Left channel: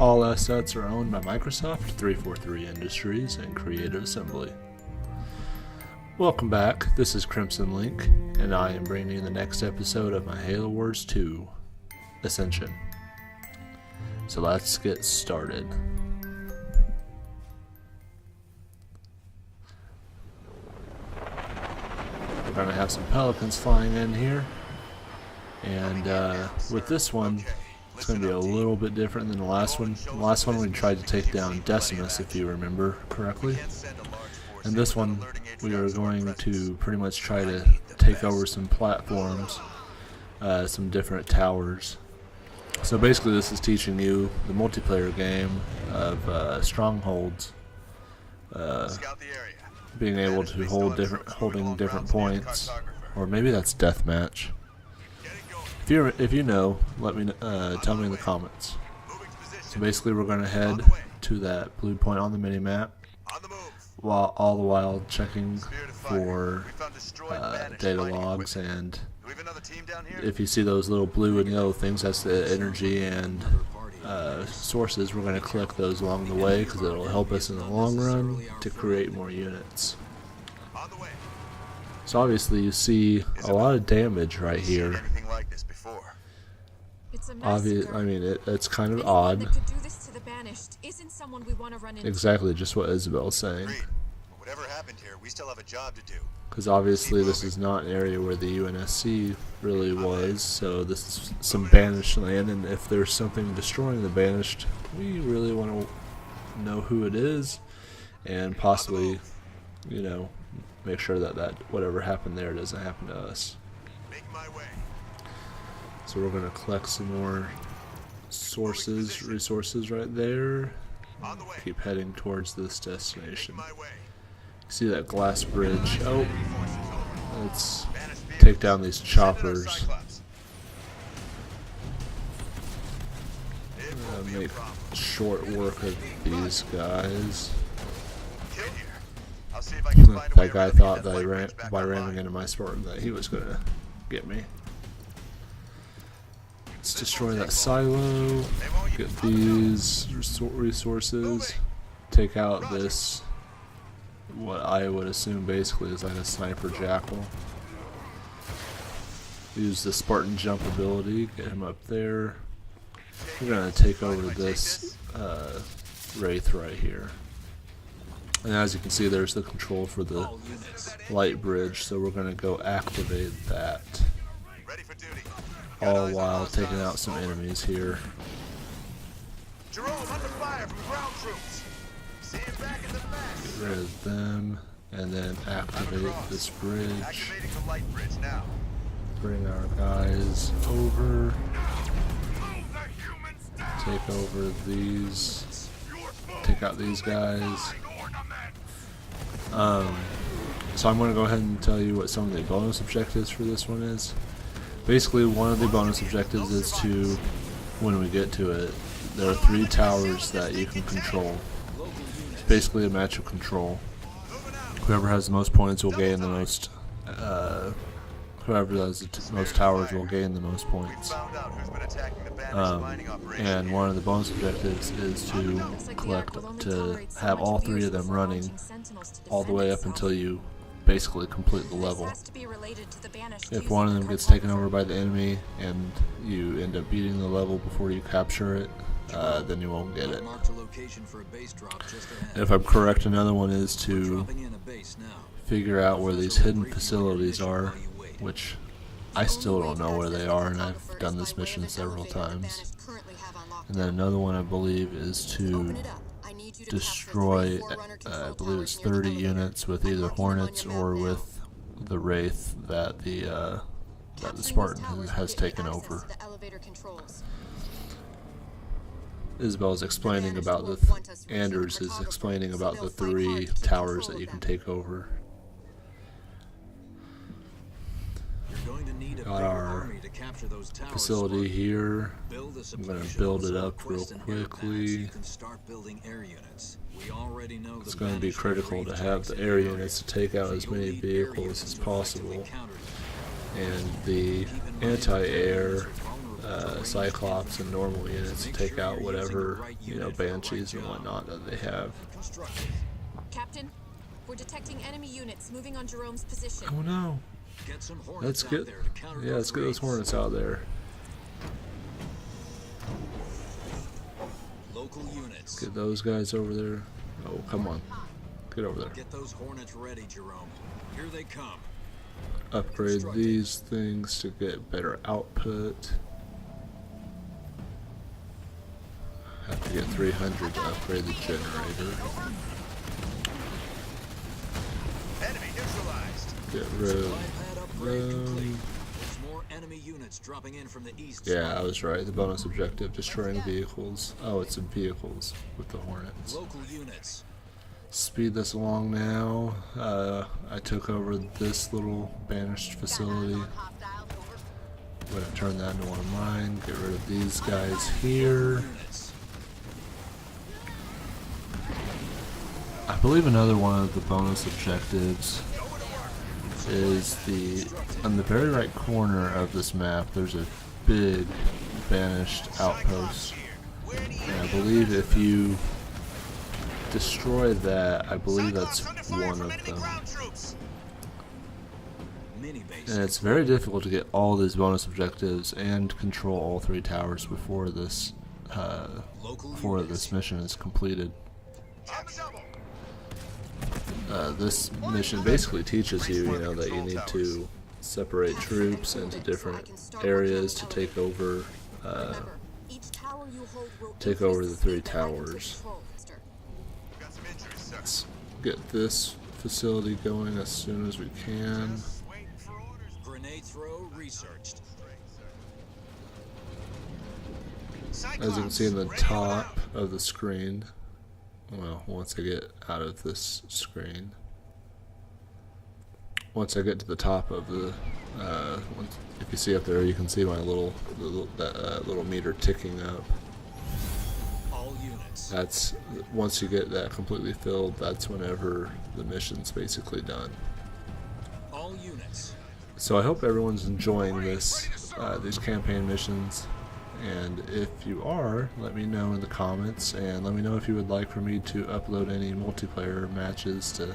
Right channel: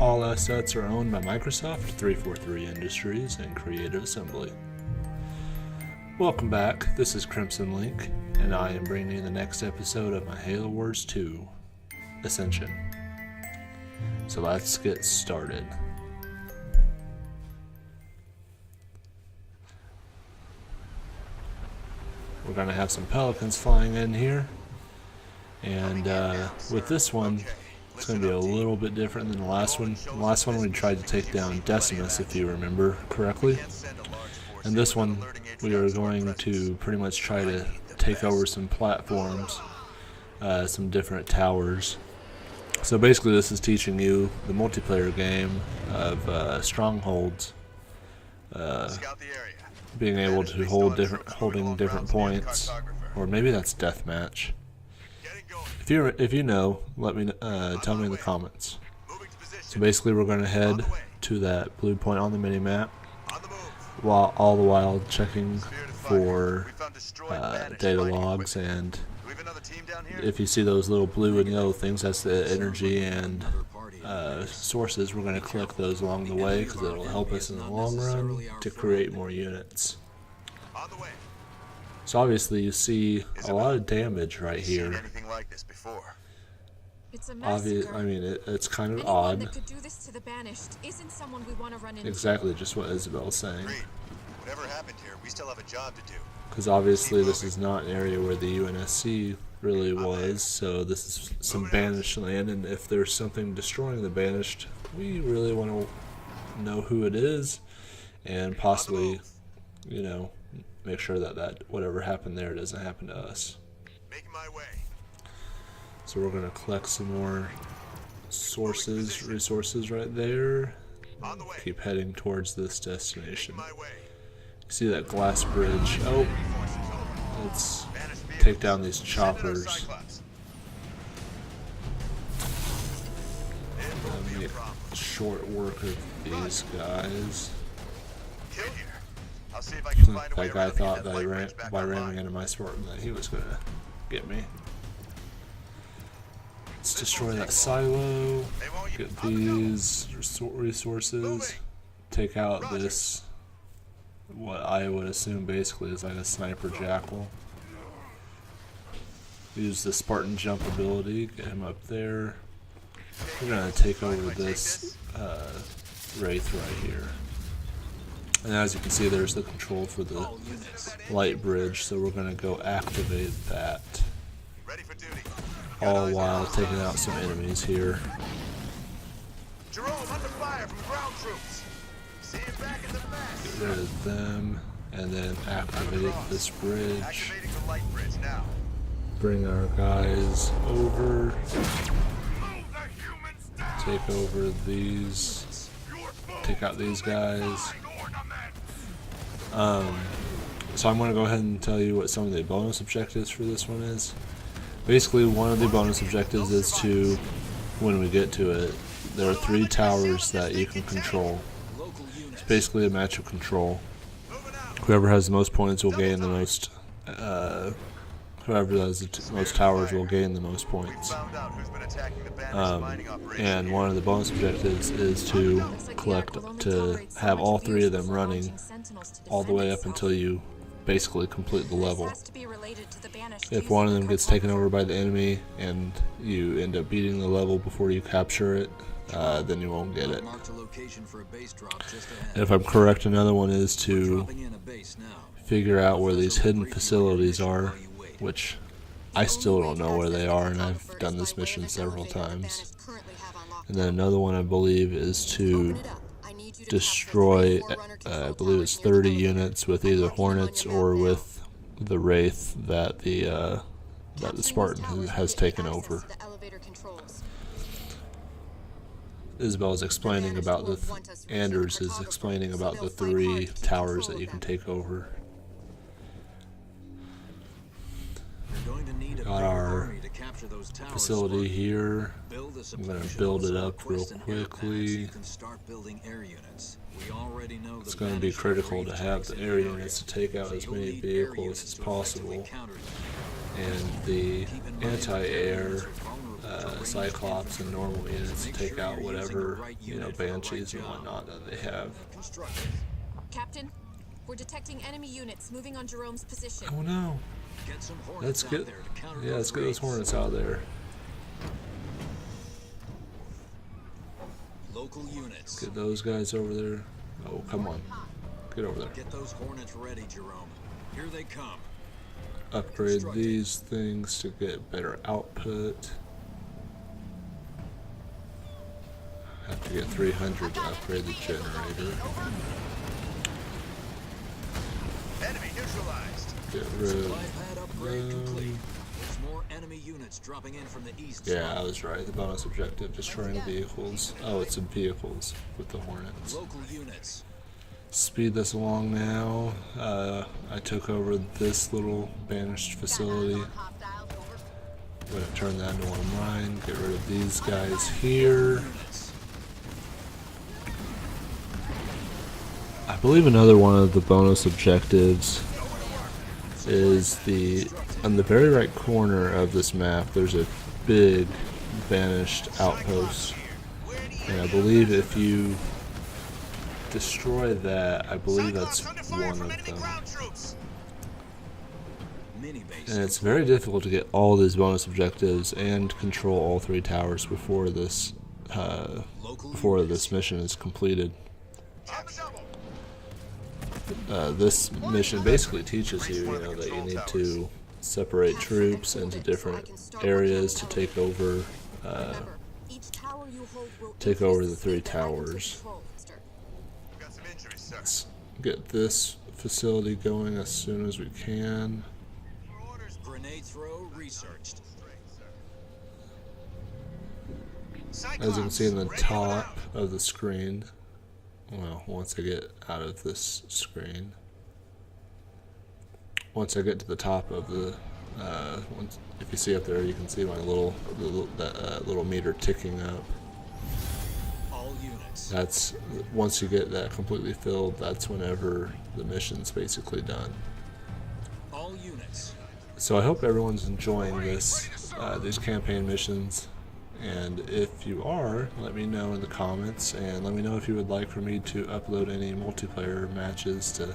All assets are owned by Microsoft, 343 Industries, and Creative Assembly. Welcome back, this is Krims0nLink, and I am bringing you the next episode of my Halo Wars 2, Ascension. So let's get started. We're going to have some pelicans flying in here, and with this one, it's going to be a little bit different than the last one. The last one we tried to take down Decimus, if you remember correctly. And this one, we are going to pretty much try to take over some platforms, some different towers. So basically this is teaching you the multiplayer game of strongholds, being able to holding different points, or maybe that's deathmatch. If you know, let me tell me in the comments. So basically we're going to head to that blue point on the mini-map, while all the while checking for data logs, and if you see those little blue and yellow things, that's the energy and sources. We're going to collect those along the way because it will help us in the long run to create more units. So obviously you see a lot of damage right here. It's kind of odd. Exactly, just what Isabel's saying. Whatever happened here, we still have a job to do. Because obviously this is not an area where the UNSC really was, so this is some banished land, and if there's something destroying the banished, we really want to know who it is, and possibly, you know, make sure that whatever happened there doesn't happen to us. Making my way. So we're going to collect some more resources right there. Keep heading towards this destination. See that glass bridge? Oh, let's take down these choppers. Make short work of these guys. That guy thought that by ramming into my Spartan that he was going to get me. Let's destroy that silo, get these resources, take out this, what I would assume basically is like a sniper jackal. Use the Spartan jump ability, get him up there. We're going to take over this Wraith right here. And as you can see, there's the control for the light bridge, so we're going to go activate that. All while taking out some enemies here. Jerome, under fire from ground troops. See you back in the mess. Get rid of them, and then activate this bridge. Activating the light bridge now. Bring our guys over. Take over these. Take out these guys. So I'm going to go ahead and tell you what some of the bonus objectives for this one is. Basically, one of the bonus objectives is to, when we get to it, there are 3 towers that you can control. It's basically a match of control. Whoever has the most points will gain the most, whoever has the most towers will gain the most points. And one of the bonus objectives is to have all 3 of them running all the way up until you basically complete the level. If one of them gets taken over by the enemy and you end up beating the level before you capture it, then you won't get it. And if I'm correct, another one is to figure out where these hidden facilities are, which I still don't know where they are, and I've done this mission several times. And then another one I believe is to destroy, I believe it's 30 units with either Hornets or with the Wraith that the Spartan has taken over. Isabel is explaining about Anders is explaining about the 3 towers that you can take over. Got our facility here. I'm going to build it up real quickly. It's going to be critical to have the air units to take out as many vehicles as possible. And the anti-air Cyclops and normal units to take out whatever, you know, Banshees and whatnot that they have. Captain, we're detecting enemy units moving on Jerome's position. Oh no. Let's get, yeah, let's get those Hornets out there. Local units. Get those guys over there. Oh, come on. Get over there. Get those Hornets ready, Jerome. Here they come. Upgrade these things to get better output. Have to get 300 to upgrade the generator. Enemy neutralized. Get rid of Pad upgrade complete. them. There's more enemy units dropping in from the east. Yeah, I was right. The bonus objective, destroying vehicles. Oh, it's in vehicles with the Hornets. Local units. Speed this along now. I took over this little banished facility. I'm going to turn that into one of mine. Get rid of these guys here. Units. I believe another one of the bonus objectives is on the very right corner of this map, there's a big banished outpost. And I believe if you destroy that, I believe that's one of them. And it's very difficult to get all these bonus objectives and control all 3 towers before this mission is completed. This mission basically teaches you, you know, that you need to separate troops into different areas to take over the 3 towers. Let's get this facility going as soon as we can. Grenade throw researched. As you can see in the top of the screen, well, once I get out of this screen, once I get to the top of the, if you see up there, you can see my little meter ticking up. All units. That's, once you get that completely filled, that's whenever the mission's basically done. All units. So I hope everyone's enjoying these campaign missions. And if you are, let me know in the comments, and let me know if you would like for me to upload any multiplayer matches to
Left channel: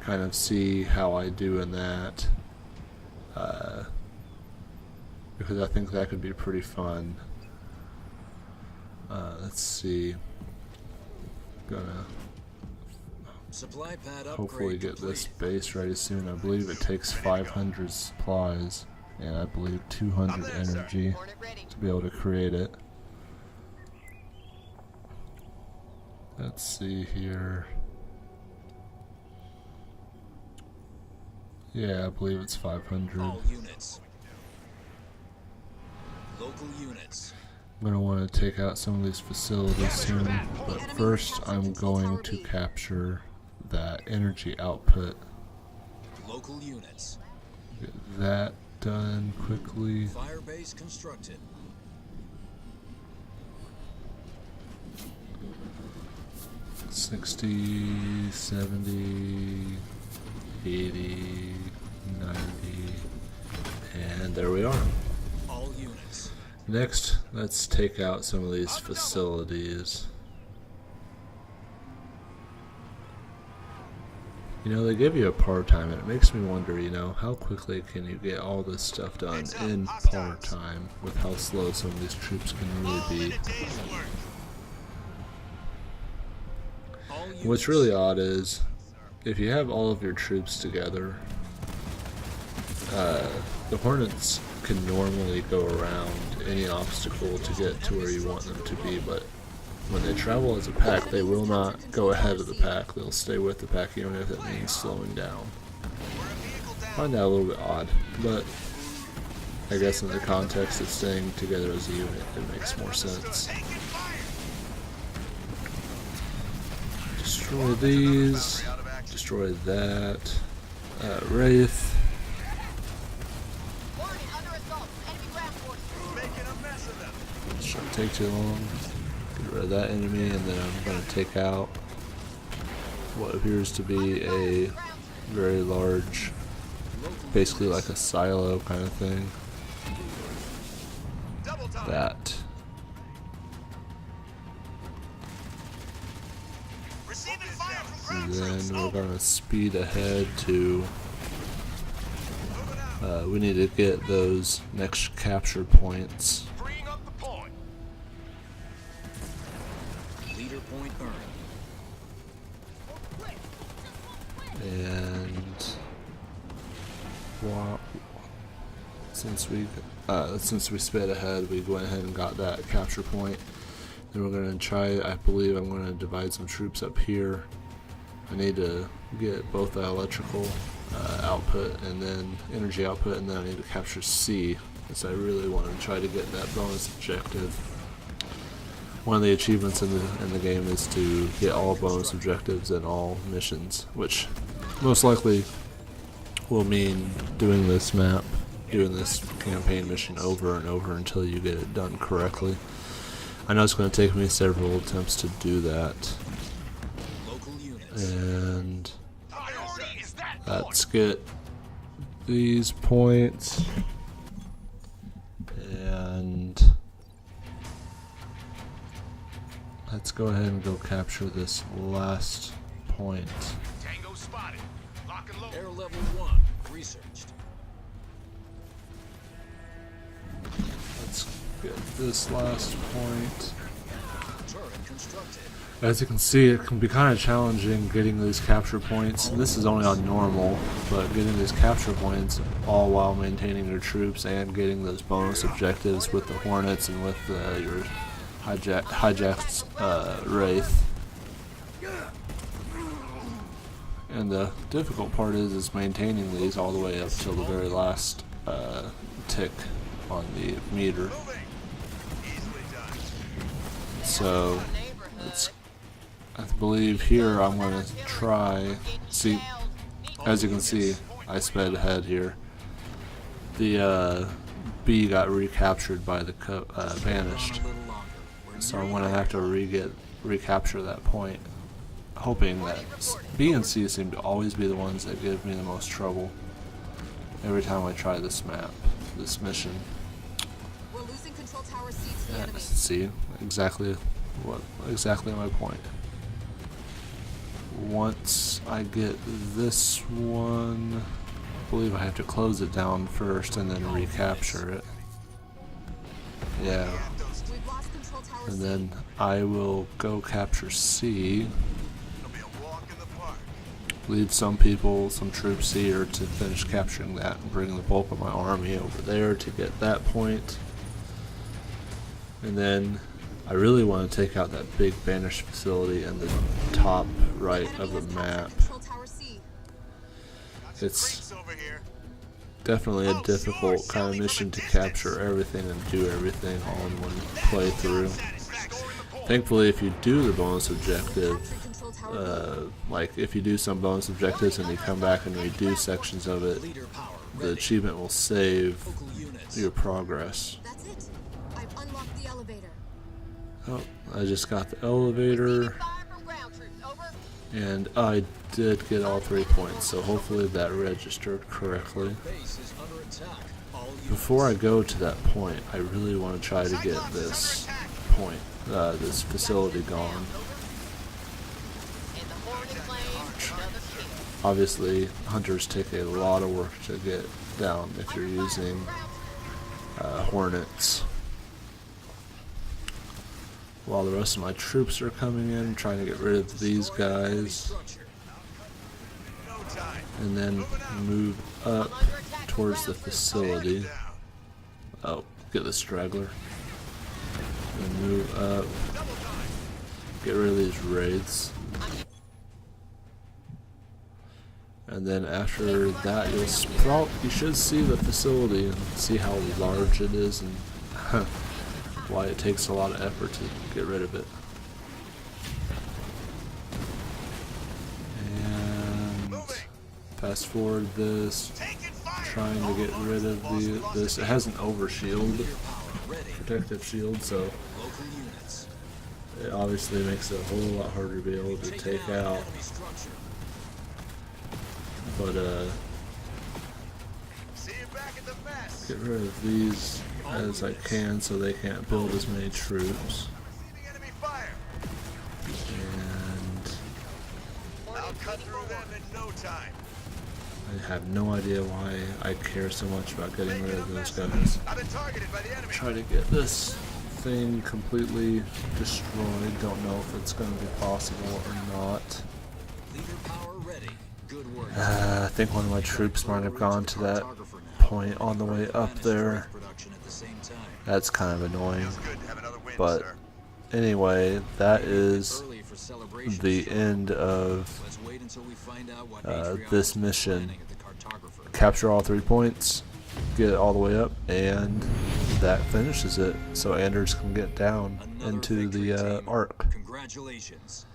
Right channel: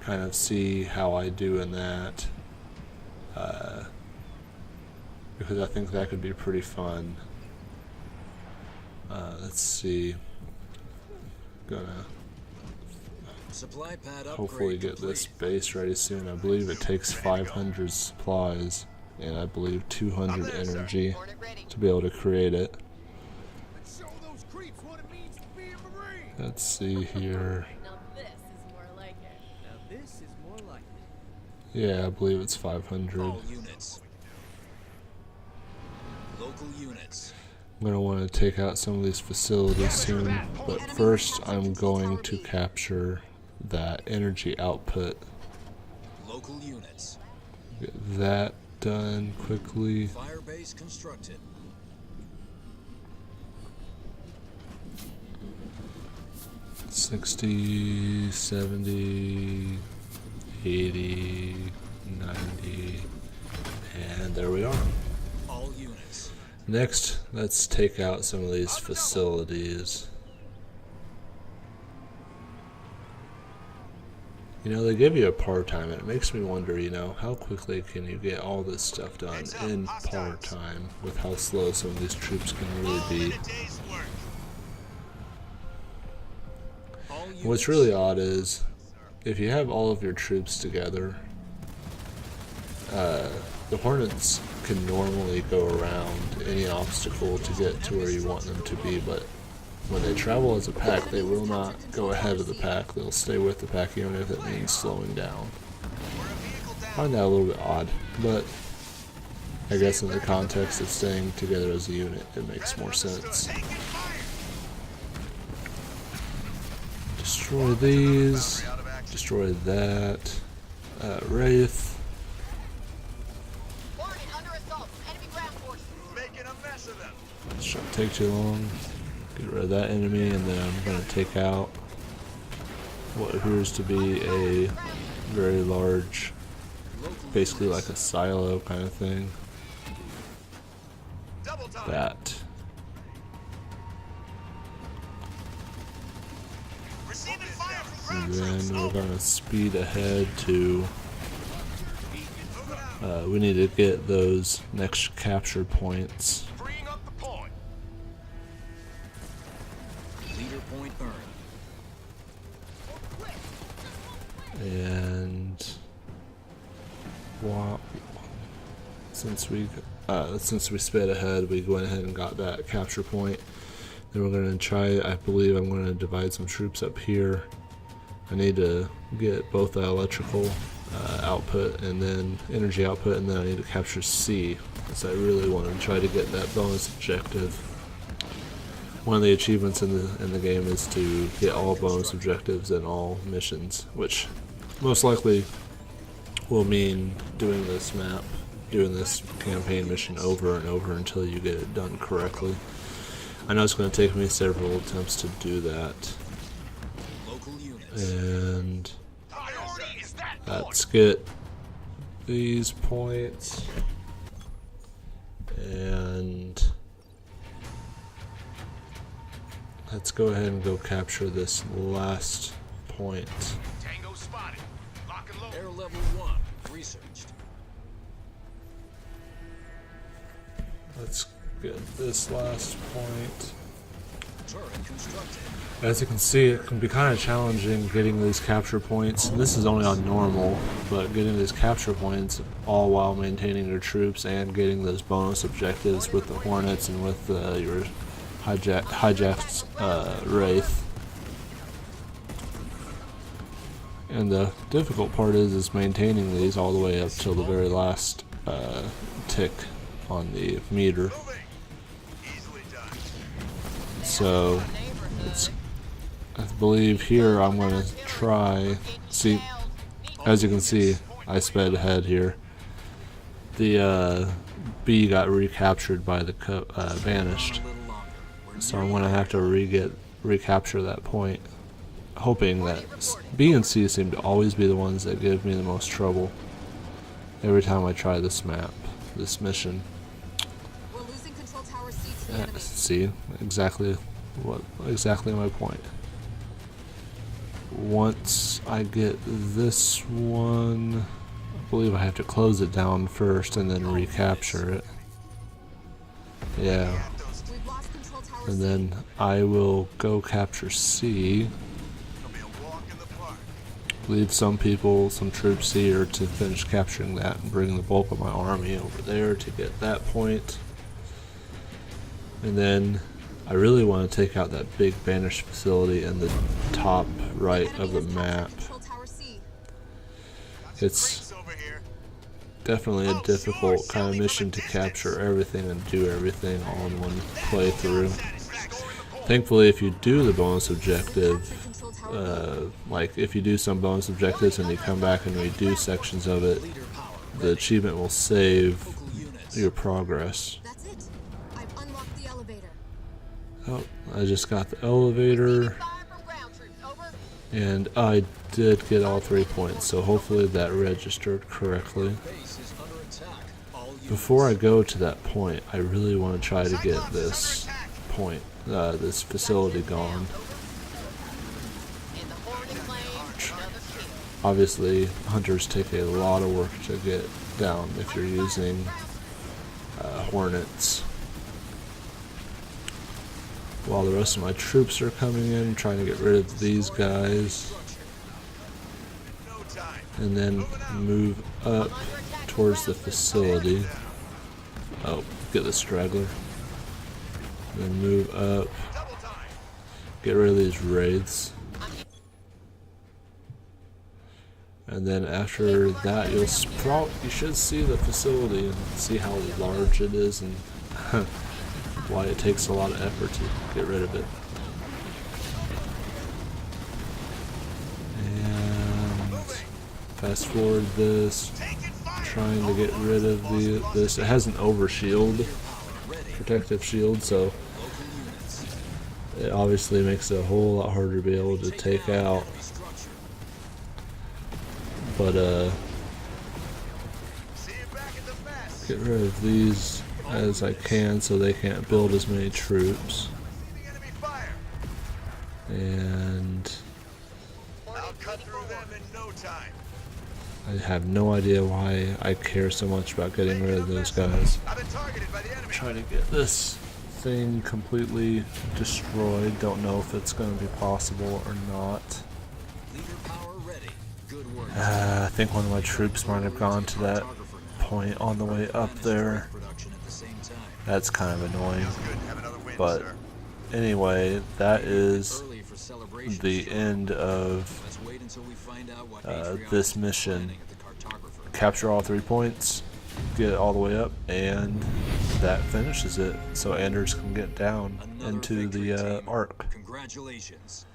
kind of see how I do in that, because I think that could be pretty fun. Let's see, gonna Supply pad hopefully upgrade get complete. this base ready soon. I believe it takes 500 supplies and I believe 200 energy to be able to create it. Let's see here. Yeah, I believe it's 500. All units. Local units. I'm going to want to take out some of these facilities soon, but first I'm going to capture that energy output. Local units. Get that done quickly. Fire base constructed. $60, $70, $80, $90, and there we are. All units. Next, let's take out some of these facilities. You know, they give you a par time, and it makes me wonder, you know, how quickly can you get all this stuff done in par time with how slow some of these troops can really be. What's really odd is, if you have all of your troops together, the Hornets can normally go around any obstacle to get to where you want them to be, but when they travel as a pack, they will not go ahead of the pack. They'll stay with the pack even if it means slowing down. I find that a little bit odd, but I guess in the context of staying together as a unit, it makes more sense. Destroy these, destroy that, Wraith. Shouldn't take too long. Get rid of that enemy, and then I'm going to take out what appears to be a very large, basically like a silo kind of thing. that. Receiving fire from And ground troops. then we're gonna speed ahead to. We need to get those next capture points. Freeing up the point. Leader point earned. And since we sped ahead, we went ahead and got that capture point. Then we're gonna try. I believe I'm gonna divide some troops up here. I need to get both the electrical output and then energy output, and then I need to capture C, because I really want to try to get that bonus objective. One of the achievements in the game is to get all bonus objectives in all missions, which most likely will mean doing this map, doing this campaign mission over and over until you get it done correctly. I know it's going to take me several attempts to do that. Local units. And Priority is that let's get these points, and let's go ahead and go capture this last point. Tango spotted. Lock and load. Air level 1 researched. Let's get this last point. Turret constructed. As you can see, it can be kind of challenging getting these capture points. This is only on normal, but getting these capture points all while maintaining your troops and getting those bonus objectives with the Hornets and with your hijacked Wraith. And the difficult part is maintaining these all the way up till the very last tick on the meter. Moving. Easily done. So I believe here I'm going to try. See, as you can see, I sped ahead here. The B got recaptured by the Banished, A little longer. We're so I'm going to have to recapture that point. Hoping that B and C seem to always be the ones that give me the most trouble every time I try this map, this mission. We're losing control tower C to the enemy. See, exactly my point. Once I get this one, I believe I have to close it down first and then recapture it. Yeah. We've lost control tower And C. then I will go capture C. It'll be a walk in the park. Leave some troops here to finish capturing that and bring the bulk of my army over there to get that point. And then I really want to take out that big banished facility in the top right of the map. Control tower C. Got some It's crates over here. definitely a difficult kind of mission to capture everything and do everything all in one playthrough. Restoring the point. Thankfully, if you do the bonus objective, Captured control tower B. like if you do some bonus objectives and you come back and redo sections of it, leader power. the achievement will save Local units. your progress. That's it. I've unlocked the elevator. Oh, I just got the elevator, and I did get all 3 points, so hopefully that registered correctly. Base is under attack. All units. Before I go to that point, I really want to try to get this point, this facility gone. Obviously, hunters take a lot of work to get down if you're using Hornets. While the rest of my troops are coming in, trying to get rid of these guys, Structure. No time. and then move up towards the facility. Oh, get the straggler. Then move up, Double time. get rid of these wraiths. And then after that, you should see the facility and see how large it is and why it takes a lot of effort to get rid of it. And Moving. fast forward this, Taking fire. trying to get rid of this. It has an overshield, Leader power. Ready. protective shield, so Local units. it obviously makes it a whole lot harder to be able to take out. Enemy structure. But See you back at the mess. get rid of these as I can so they can't build as many troops. Receiving enemy fire. And I'll cut through them in no time. I have no idea why I care so much about getting rid of those guys. I've been targeted by the enemy. Try to get this thing completely destroyed. Don't know if it's going to be possible or not. Leader power ready. Good work. I think one of my troops might have gone to that point on the way up there. Production at the same time. That's kind of annoying. Feels good to have another win, But sir. anyway, that is Early for celebrations, the sure. end of Let's wait until we find out what Atrion this is mission. planning at the cartographer. Capture all 3 points, get it all the way up, and that finishes it. So Anders can get down Another into victory, the team. arc. Congratulations.